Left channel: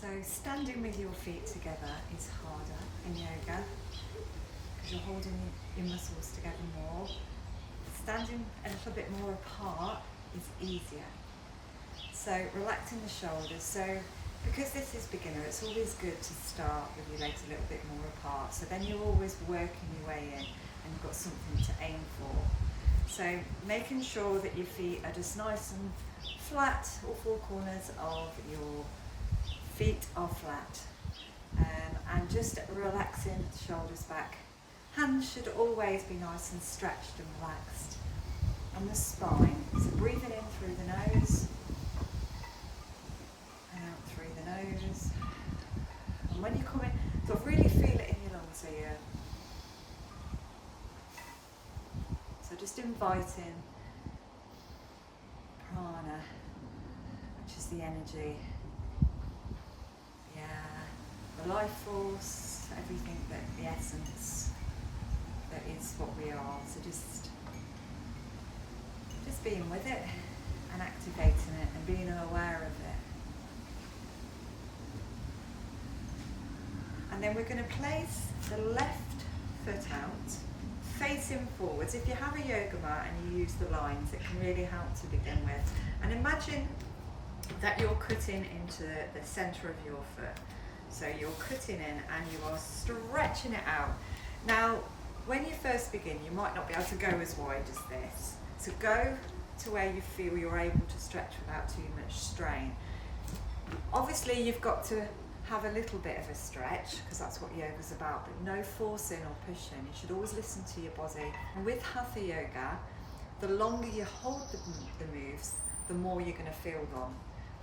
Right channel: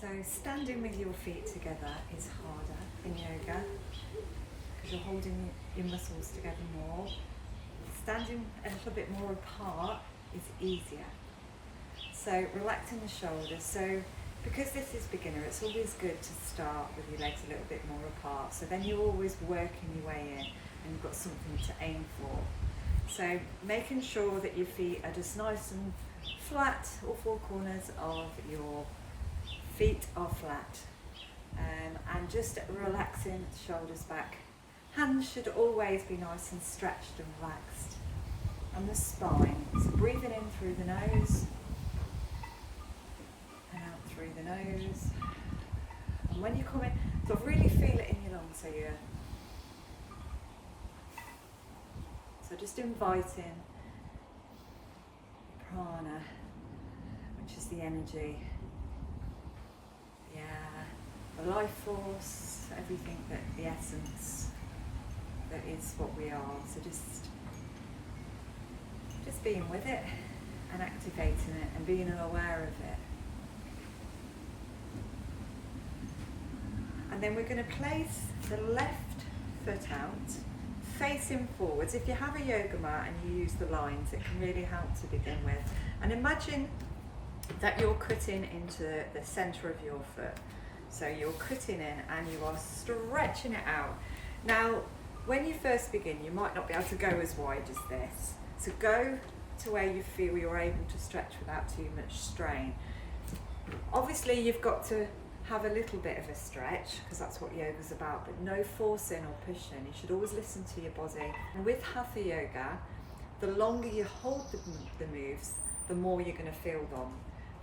So standing with your feet together is harder in yoga because you're holding your muscles together more. Standing a little bit more apart is easier. So relaxing the shoulders. So because this is beginner, it's always good to start with your legs a little bit more apart. So then you're always working your way in and you've got something to aim for. So making sure that your feet are just nice and flat, all four corners of your feet are flat, and just relaxing the shoulders back. Hands should always be nice and stretched and relaxed. And the spine, so breathing in through the nose and out through the nose. And when you come in, so really feel it in your lungs, so just inviting prana, which is the energy, the life force, everything, that the essence that is what we are. So just being with it and activating it and being aware of it. And then we're going to place the left foot out, facing forwards. If you have a yoga mat and you use the lines, it can really help to begin with. And imagine that you're cutting into the center of your foot. So you're cutting in and you are stretching it out. Now, when you first begin, you might not be able to go as wide as this. So go to where you feel you're able to stretch without too much strain. Obviously, you've got to have a little bit of a stretch because that's what yoga's about, but no forcing or pushing. You should always listen to your body. And with hatha yoga, the longer you hold the moves, the more you're going to feel them.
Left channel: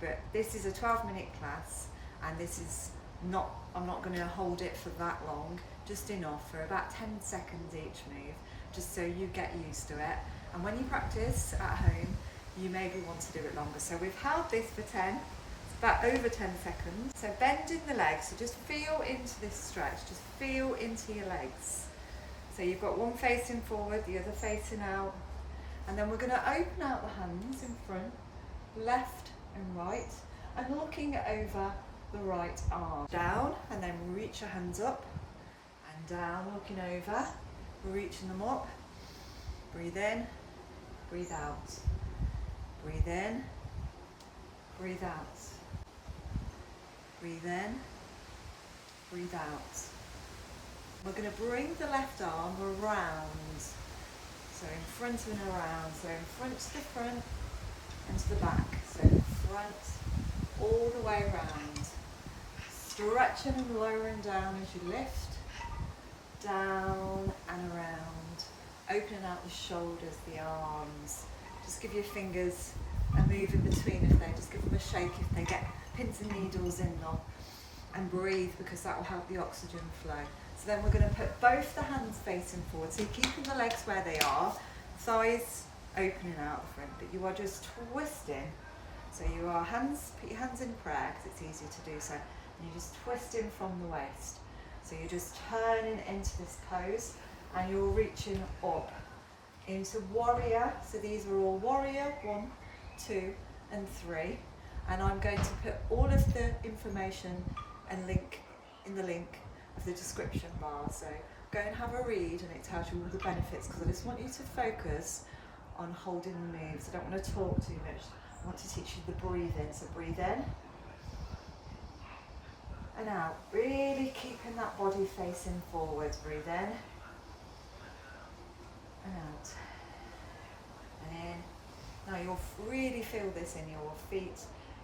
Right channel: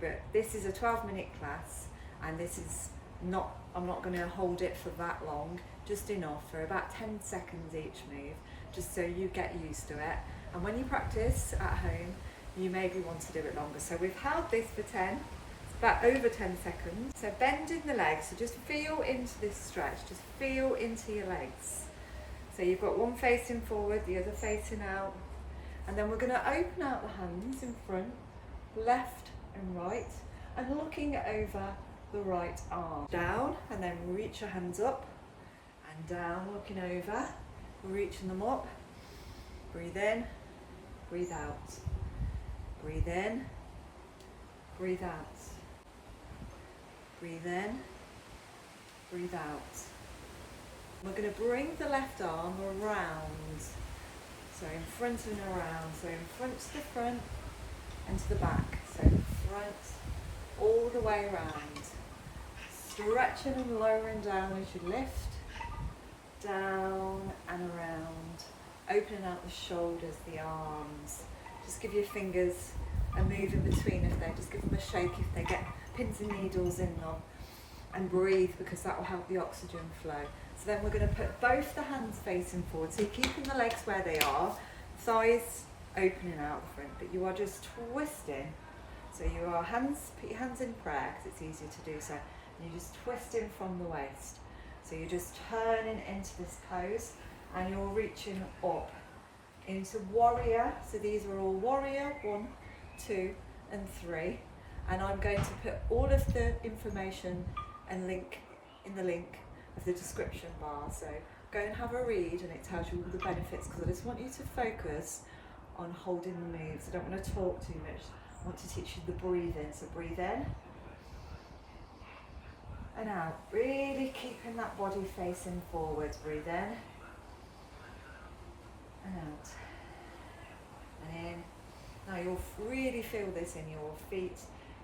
But this is a 12-minute class, and this is not, I'm not going to hold it for that long, just enough for about 10 seconds each move, just so you get used to it. And when you practice at home, you maybe want to do it longer. So we've held this for 10, it's about over 10 seconds. So bending the legs, so just feel into this stretch, just feel into your legs. So you've got one facing forward, the other facing out. And then we're going to open out the hands in front, left and right, and looking over the right arm. Down, and then reach your hands up, and down, looking over, reaching them up. Breathe in, breathe out. Breathe in, breathe out. Breathe in, breathe out. We're going to bring the left arm around. So in front and around. So in front to the front and to the back. So front all the way around. Stretching and lowering down as you lift. Down and around. Opening out the shoulders, the arms. Just give your fingers a move in between if they, just give them a shake if they get pins and needles in them. And breathe, because that will help the oxygen flow. So then we're going to put both the hands facing forward. So you're keeping the legs where they are, thighs opening out the front, but you are just twisting. So you are put your hands in prayer because it's easier to do so. And you're just twisting from the waist. So you're just turning into this pose and you're reaching up into warrior. So these are all warrior 1, 2 and 3. And I'm going to put all of the information and link in the link of the description bar. So go and have a read and it tells you all the benefits, because I just want you to focus on holding the moves. I don't want to talk too much. I want to teach you the breathing. So breathe in and out, really keeping that body facing forwards. Breathe in and out and in. Now you'll really feel this in your feet,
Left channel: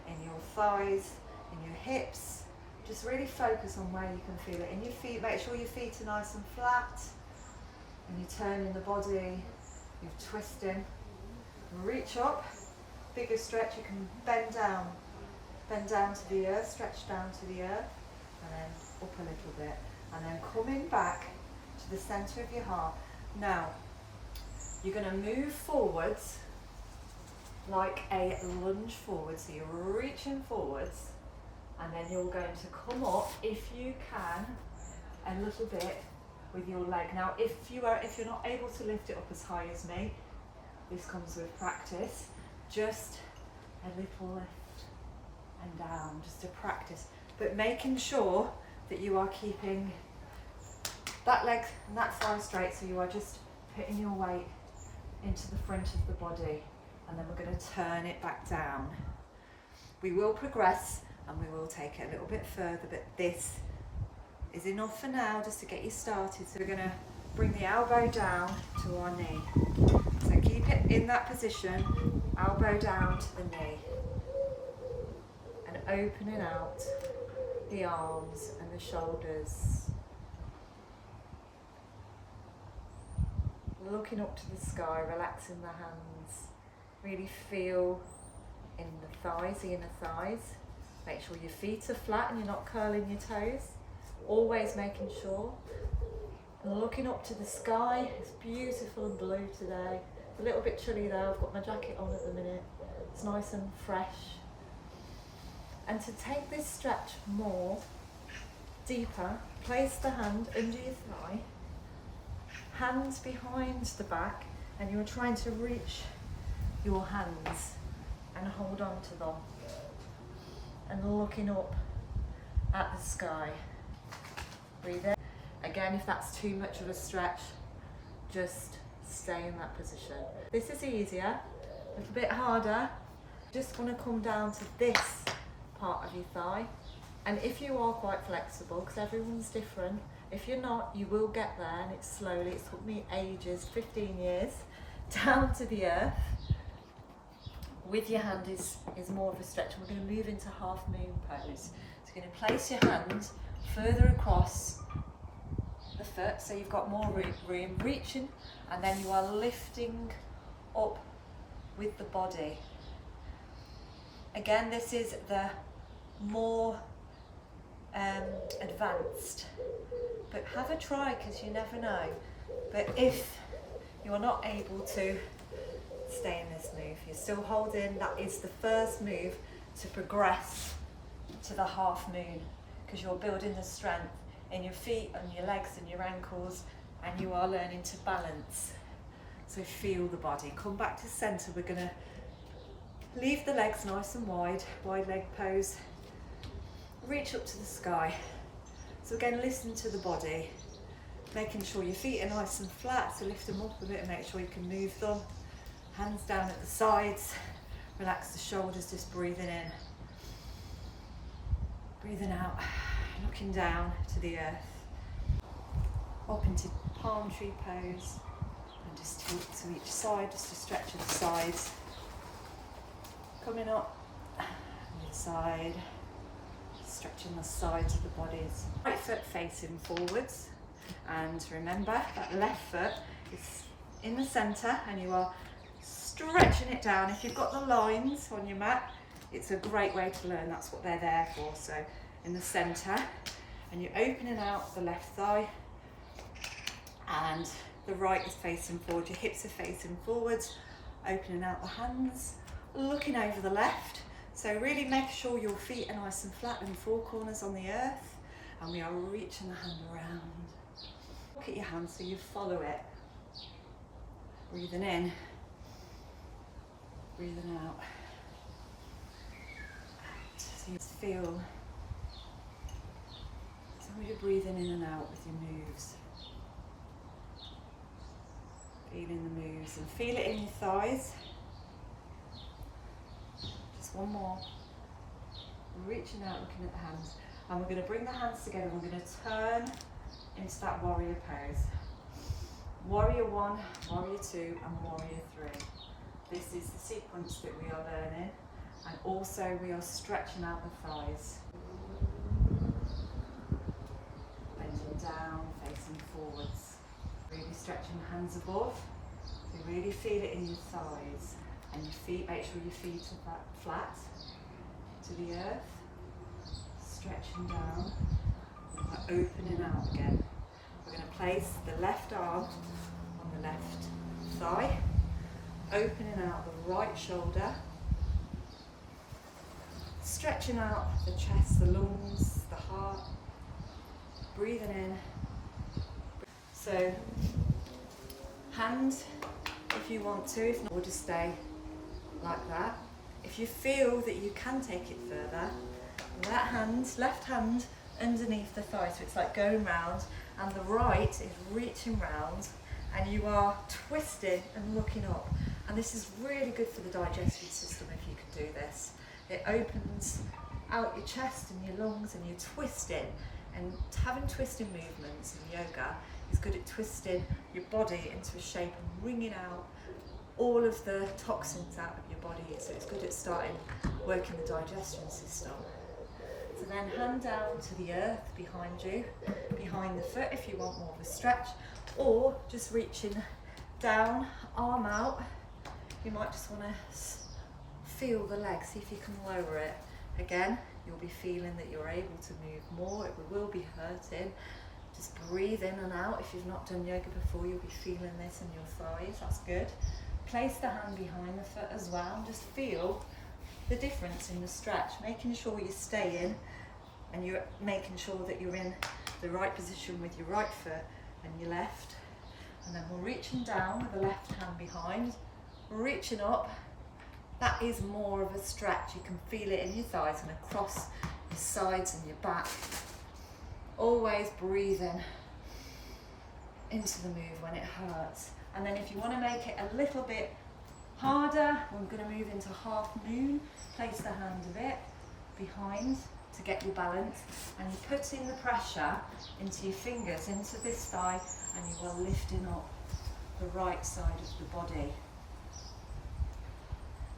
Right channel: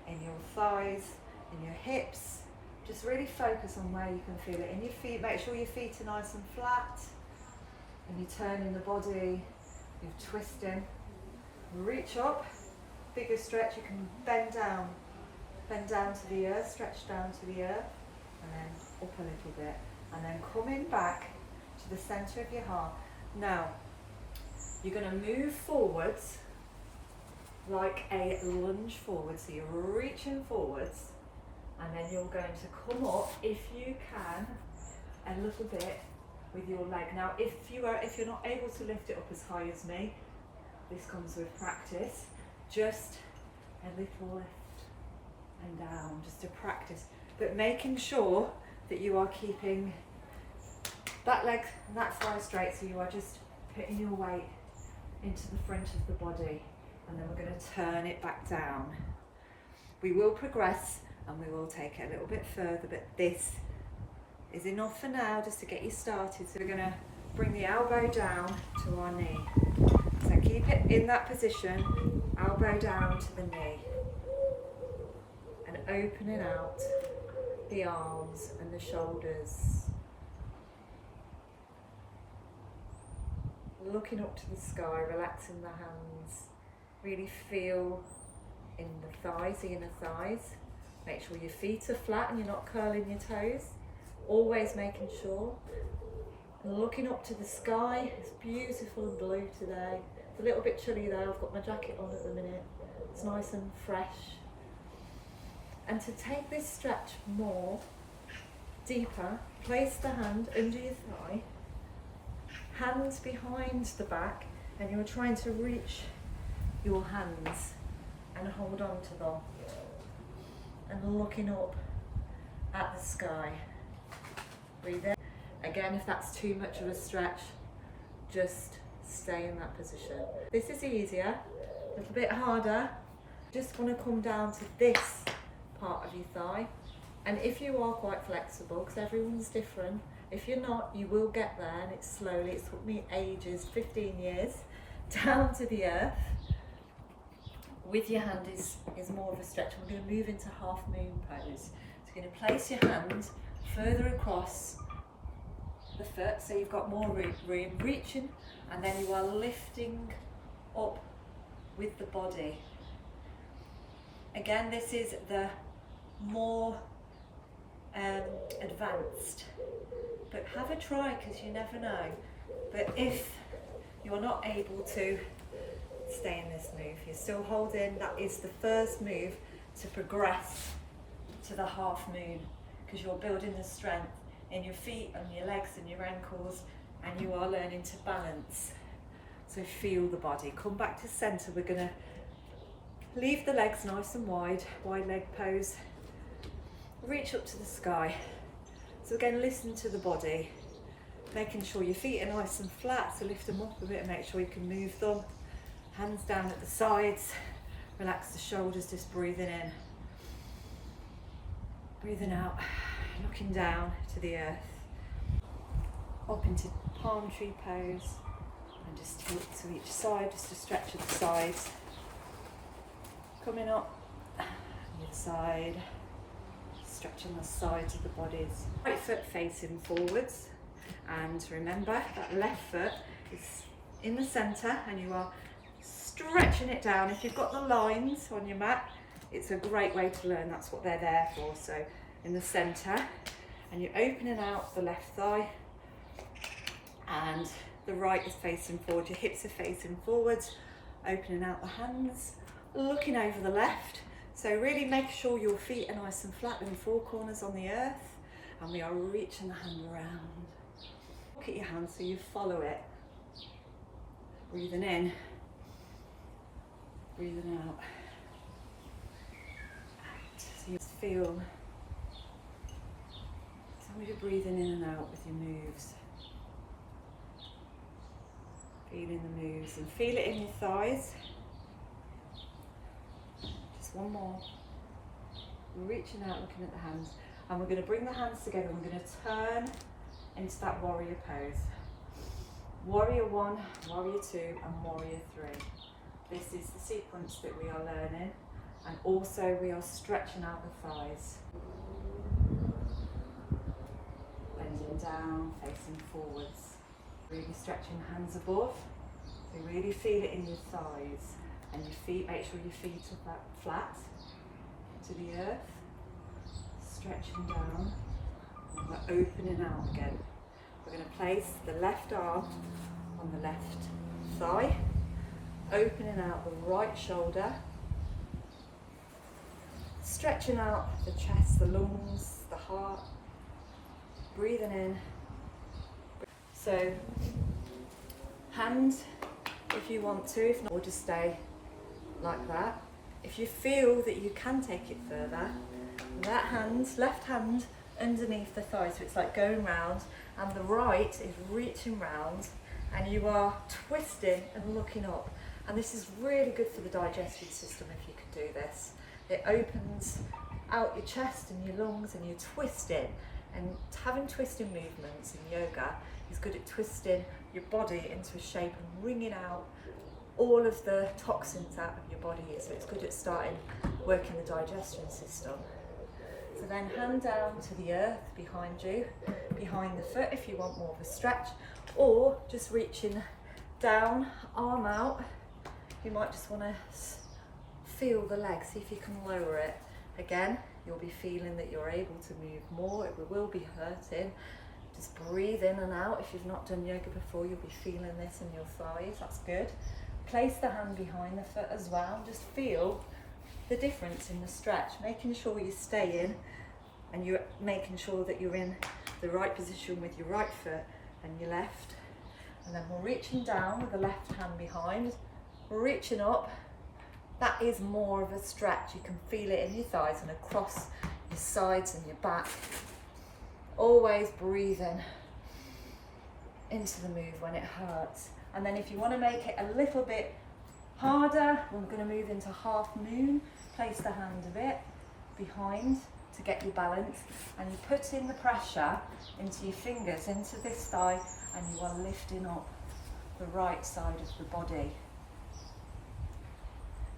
in your thighs, in your hips. Just really focus on where you can feel it in your feet. Make sure your feet are nice and flat, and you're turning the body, you're twisting. Reach up, bigger stretch. You can bend down to the earth, stretch down to the earth, and then up a little bit, and then coming back to the center of your heart. Now you're going to move forwards like a lunge forward. So you're reaching forwards, and then you're going to come up, if you can, a little bit with your leg. Now if you're not able to lift it up as high as me, this comes with practice, just a little lift and down, just to practice. but making sure that you are keeping that leg and that thigh straight, so you are just putting your weight into the front of the body, and then we're going to turn it back down. We will progress and we will take it a little bit further, but this is enough for now just to get you started. So we're going to bring the elbow down to our knee. So keep it in that position, elbow down to the knee, and opening out the arms and the shoulders. Looking up to the sky, relaxing the hands. Really feel in the thighs, the inner thighs. Make sure your feet are flat and you're not curling your toes. Always making sure. And looking up to the sky. It's beautiful and blue today. It's a little bit chilly though. I've got my jacket on at the minute. It's nice and fresh. And to take this stretch more deeper, place the hand under your thigh, hands behind the back, and you're trying to reach your hands and hold on to them, and looking up at the sky. Breathe in. Again, if that's too much of a stretch, just stay in that position. This is easier, a little bit harder. Just want to come down to this part of your thigh, and if you are quite flexible, because everyone's different, if you're not, you will get there, and it's slowly. It's took me ages, 15 years, down to the earth. With your hand is more of a stretch. We're going to move into half moon pose. So you're going to place your hand further across the foot, so you've got more room, reaching, and then you are lifting up with the body. Again, this is the more advanced, but have a try, because you never know. But if you're not able to stay in this move, you're still holding, that is the first move to progress to the half moon, because you're building the strength in your feet and your legs and your ankles, and you are learning to balance. So feel the body. Come back to center. We're going to leave the legs nice and wide leg pose. Reach up to the sky. So again, listen to the body, making sure your feet are nice and flat, so lift them up a bit and make sure you can move them. Hands down at the sides, relax the shoulders, just breathing in. Breathing out, looking down to the earth. Up into palm tree pose, and just tilt to each side, just to stretch at the sides. Coming up, the other side. Stretching the sides of the bodies. Right foot facing forwards, and remember that left foot is in the center, and you are stretching it down. If you've got the lines on your mat, it's a great way to learn. That's what they're there for. So in the center, and you're opening out the left thigh, and the right is facing forward. Your hips are facing forwards, opening out the hands, looking over the left. So really make sure your feet are nice and flat and four corners on the earth, and we are reaching the hand around. Look at your hand so you follow it. Breathing in, breathing out. So you feel, as long as you're breathing in and out with your moves. Feeling the moves, and feel it in your thighs. One more. Reaching out, looking at the hands, and we're going to bring the hands together. We're going to turn into that warrior pose. Warrior 1, warrior 2, and warrior 3. This is the sequence that we are learning, and also we are stretching out the thighs. Bending down, facing forwards. Really stretching hands above. So really feel it in your thighs. And your feet, make sure your feet are flat to the earth, stretching down, and we're opening out again. We're going to place the left arm on the left thigh, opening out the right shoulder, stretching out the chest, the lungs, the heart, breathing in. So, hand if you want to, if not, we'll just stay like that. If you feel that you can take it further, left hand underneath the thigh, so it's like going round, and the right is reaching round, and you are twisting and looking up. And this is really good for the digestive system if you can do this. It opens out your chest and your lungs, and you're twisting, and having twisting movements in yoga is good at twisting your body into a shape and wringing out all of the toxins out of your body, so it's good at starting working the digestion system. So then hand down to the earth behind you, behind the foot if you want more of a stretch, or just reaching down, arm out. You might just want to feel the leg, see if you can lower it. Again, you'll be feeling that you're able to move more, it will be hurting. Just breathe in and out. If you've not done yoga before, you'll be feeling this in your thighs, that's good. Place the hand behind the foot as well, and just feel the difference in the stretch, making sure you're staying and you're making sure that you're in the right position with your right foot and your left. And then we're reaching down with the left hand behind, we're reaching up. That is more of a stretch. You can feel it in your thighs and across your sides and your back. Always breathing into the move when it hurts. And then if you want to make it a little bit harder, we're going to move into half moon. Place the hand a bit behind to get your balance, and you're putting the pressure into your fingers, into this thigh, and you are lifting up the right side of the body.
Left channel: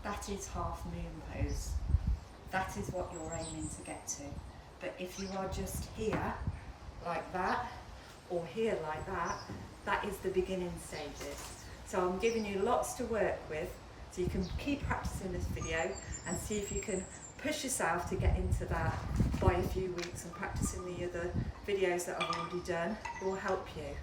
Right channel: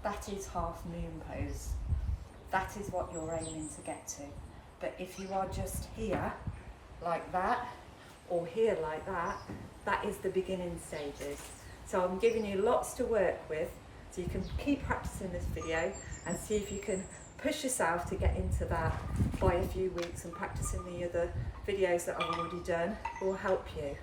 That is half moon pose. That is what you're aiming to get to. But if you are just here like that, or here like that, that is the beginning stages. So I'm giving you lots to work with, so you can keep practicing this video and see if you can push yourself to get into that by a few weeks, and practicing the other videos that I've already done will help you.